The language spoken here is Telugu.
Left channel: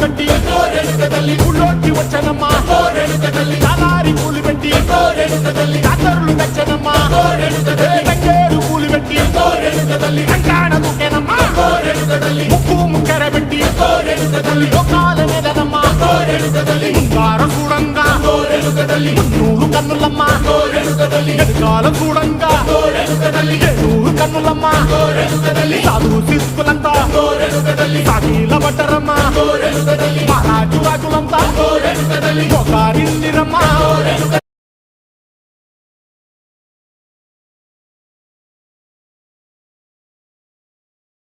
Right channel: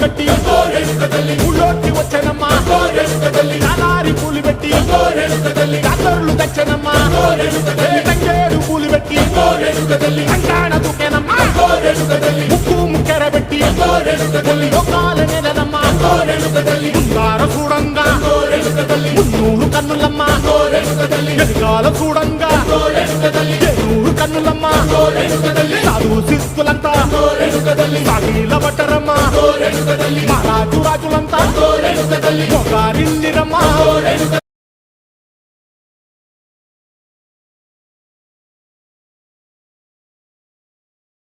కట్టి ఊళ్ళోకి వచ్చానమ్మా చాలారి పూలు పెట్టి జాతరులు తెచ్చానమ్మా తంగేడు పూలు పెట్టి రంగాణ దూకేనమ్మా ముక్కు ముక్కెర పెట్టి ముల్లోకాల నెలనమ్మా ముందార చూడంగా మున్నూరు కన్నులమ్మా ఎనకాల చూడంగా ఏనూరు కన్నులమ్మా సాధు సిద్ధులంతా సాగిల పట్టరమ్మా మహారాజు రాజులంతా మొగారిల్లిరమ్మా